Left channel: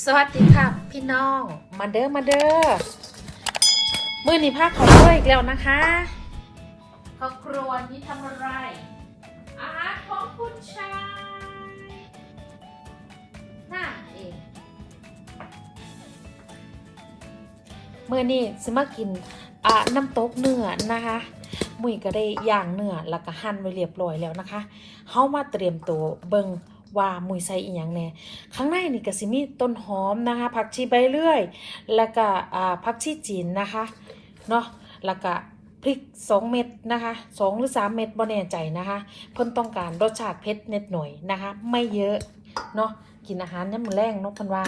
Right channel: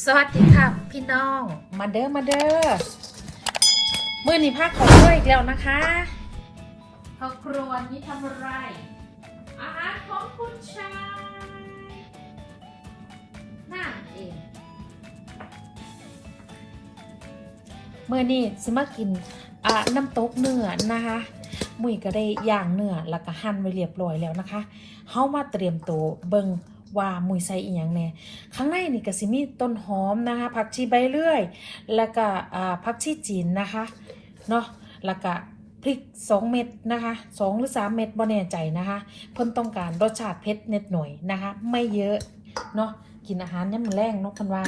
สวัสดีค่ะพี่น้องมาเด้อมาเด้อมื่อนี้พักของด้วยอีกแล้วนะคะครอบครัวนี้ทำอะไร อาหารของคุณชายนั่นเองเมื่อนี้สมากินอ่าน้ำตกเนื้อนะคะมุยก็ได้ย่างเนื้อแล้วก็หั่นไว้เรียบร้อยแล้วนะคะเฮามาเตรียมตัวเบิง ว่ามุยใส่อีหยังแน่ข้างในนี่ก็สิมีต้นหอมนะคะ ผักชีใบเลื่อย แล้วก็ผักชีจีนนะคะเนาะแล้วก็พริก 2 เม็ดนะคะ2หรือ 3 เม็ดบ่แน่ใจนะคะ เพิ่นต้องการรสชาติเผ็ดเน็ดหน่อยนะคะ ไม่เยอะเนาะกินอาหารเนี่ยมันแรงนาะเพิ่นว่า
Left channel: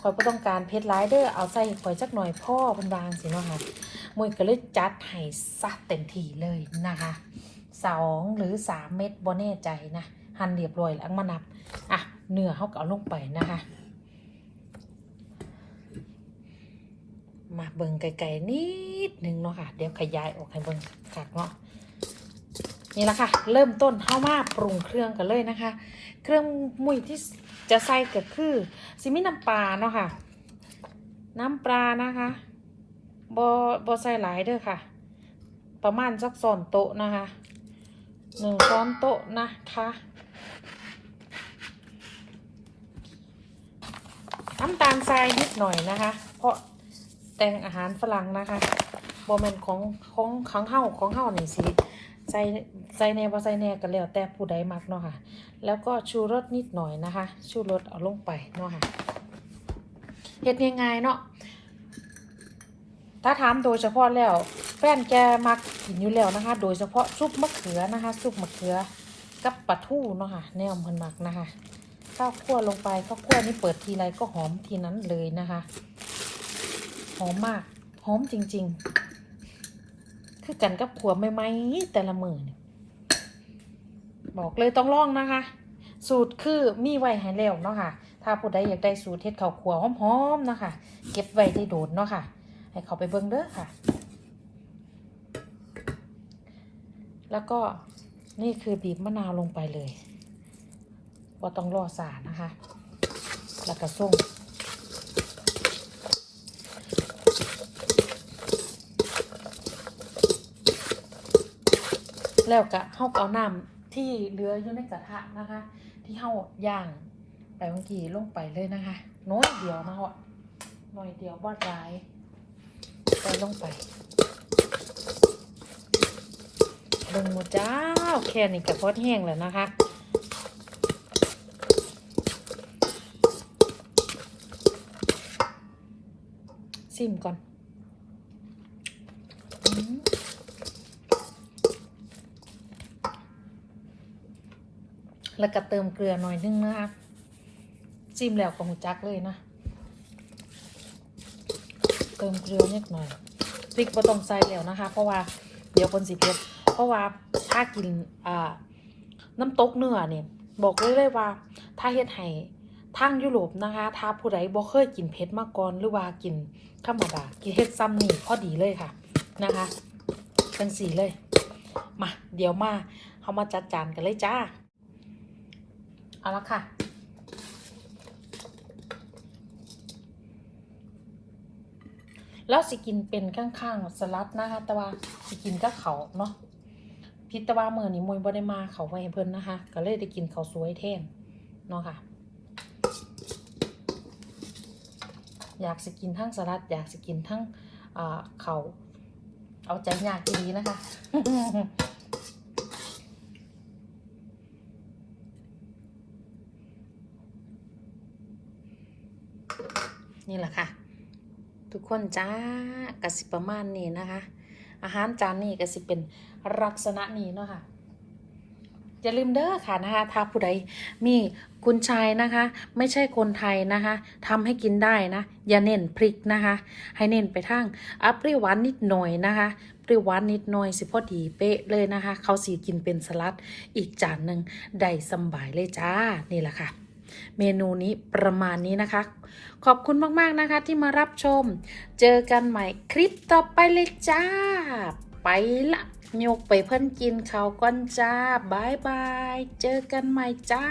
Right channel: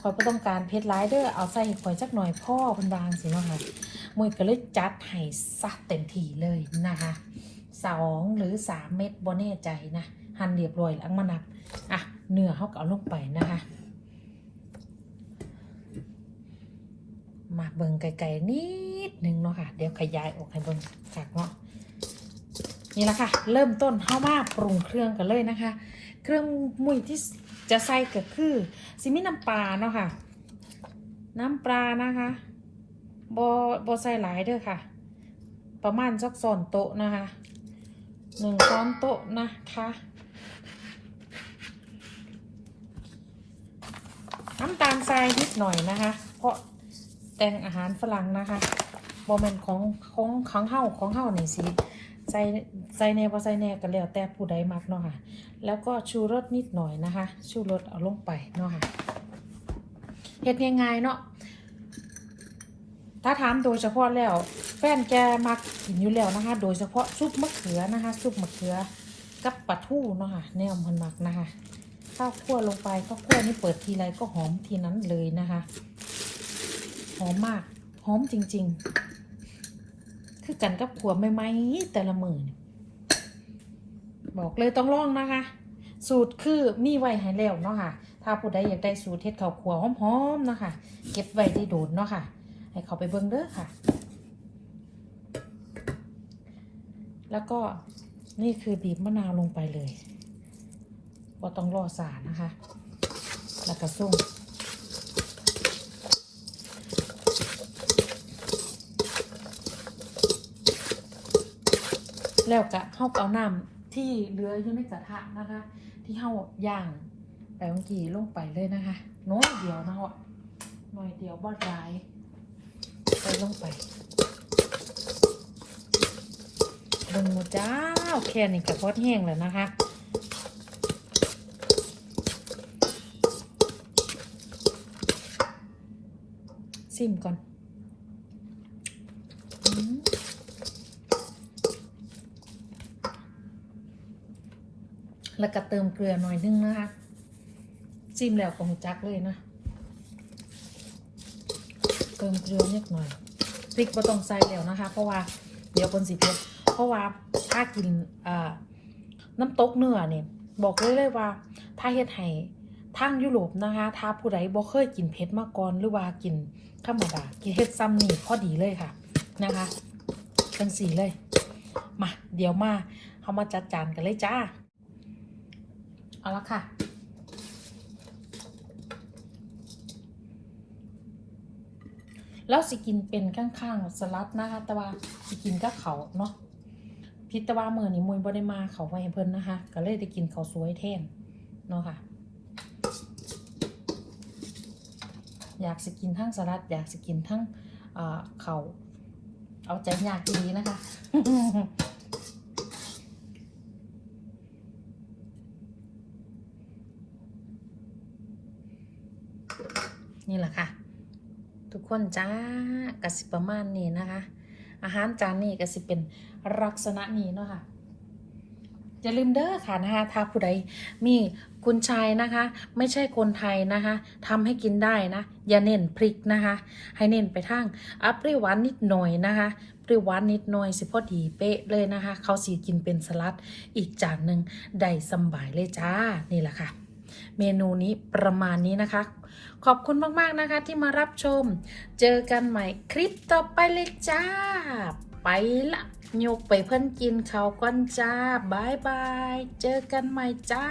คอยก็ต้องการเผ็ดหลายเด้อเอาใส่ข่อยจักหน่อยพ่อพิ่นวางสิเนาะค่ะมวยก็เลยจัดให้ซัดเต็มที่เลยนะคะสองหรือ 3 เม็ดบ่แน่ใจนะ หั่นเรียบร้อยแล้วมานับอะเนื้อเขาก็เอาลงไปนะคะ มาเบิ่งไกลๆนิดนึงเนาะค่ะ เดี๋ยวขยายออกให้เบิ่งกักเนาะนี่แหละค่ะ เริ่มต้นเข้ามาปรุงเครื่องกันเลยนะคะ เครื่องมุยที่จะใส่ก็คือซิมิน้ำปลาเนาะค่ะ น้ำปลานะคะบอบอใส่หลายเด้อค่ะ ประมาณสักสอนโต๊ะนะคะหนึ่งช้อนโต๊ะนะคะ น้ำตาลทรายนิดหน่อยนะคะ เพราะแต่งอาหารฝรั่งนะคะบอแมนของของของเฮาของเฮาหนี่สิใส่ใส่แน่บ่ใส่แน่ก็แล้วแต่ผู้ใดมักเนาะค่ะ แล้วก็ชูรสนิดหน่อยนะคะ ชูรสเอาลงไปเนาะค่ะเฮ็ดง่ายๆเนาะถ้าถามโดยเฉพาะแล้วแฟนแกมักกินอยู่แล้วนะคะ โดยเฉพาะซุปมะเขือนะคะซุปมะเขือกับปลาทูเนาะค่ะแนวมันมักนะคะ ข้าวคั่วลงไปข้าวคั่วนี่เปิดทีไรก็หอมทีนั้นเลยนะคะ หอมมาก หอมจริง ๆ คือกันกับขัวไม่ไหมๆแต่ละมือนี่บอกเลยต้องลองนะคะ สูตรคือมีไว้ให้แล้วเนาะค่ะ ถ้าผู้ใดอยากได้สูตรเฮ็ดข้าวคั่วหอมๆเนาะค่ะเก็บไว้ได้โดนเนาะค่ะ ให้เขาไปเบิ่งเด้อค่ะ แล้วก็นี่คือบีบมะนาวลงไปเลย ก็ต้องรอสานะคะ แล้วก็ส้มแล้วก็เฮาเอาน้ำที่เหลืออยู่ในกระทะนะคะ ที่เฮาย่างไปเมื่อกี้ลงไปเลยนะคะ น้อยเดียวเนาะน้อยเดียวบ่ร้ายใส่ลงไปเบิ่งหมูจ้าแค่นี้ก็พอแห้งแล้วนะคะ ซิมก่อนแล้วก็เติมเกลือหน่อยนึงนะคะซิมแล้วก็หูจักเลยนะ เติมเกลือนิดหน่อยพริกบ่ต้องใส่แล้วนะคะ เพราะว่าเดี๋ยวคนสิเผ็ดเพราะว่าถ้ากินอ่าน้ำตกเนื้อเนี่ยบอกเลยเลยว่า ถ้าเฮ็ดให้ ทางยุโรปนะคะ ถ้าผู้ใดบ่เคยกินเผ็ดมาก่อนหรือว่ากินธรรมดา กินเฮ็ดซ้ำนี่พอดีเลยค่ะนะคะจังสีเลย มา เดี๋ยวมาเขามาจัดจานกันเลยจ้า เอาละค่ะ แล้วสิกินเป็นข้างๆสลัดนะคะแต่ว่าสิกินก็เขาเนาะพิตว่ามือนี้มวยบ่ได้มาเขาไว้เพิ่นนะคะ ก็เลยได้กินเขาสวยแทนเนาะค่ะ อยากสกินทั้งสลัด อยากสกินทั้งเอ่อเขาเอาใจอยากกินนี้นะคะนี่แหละค่ะ ทุกคนจ้ากสิประมาณนี้นะคะ อาหารจานนี้ก็สิเป็นลักษณะนี้เนาะค่ะอย่าลืมเด้อค่ะนะคะถ้าผู้ใดมี คุณชายนะคะ ไม่ใช่คนไทยนะคะทำให้กินได้นะ อย่าเน้นพริกนะคะ ให้เน้นไปทางอัเปรี้ยวหวานนิดหน่อยนะคะเปรี้ยวหวานนิดหน่อยสิพอดีเป๊ะเลยนะคะ เขาสีกินเป็นสลัดอีกจานหนึ่งได้สบายเลยจ้านี่แหละค่ะ เมนูนี้ประมาณนี้นะคะขอบคุณมาก ๆ นะคะที่มารับชม เจอกันใหม่คลิปต่อไปเลยจ้า ไปละโยกไปเพิ่อนกินเขาวก่อนจ้าบายบาย เจอกันใหม่จ้า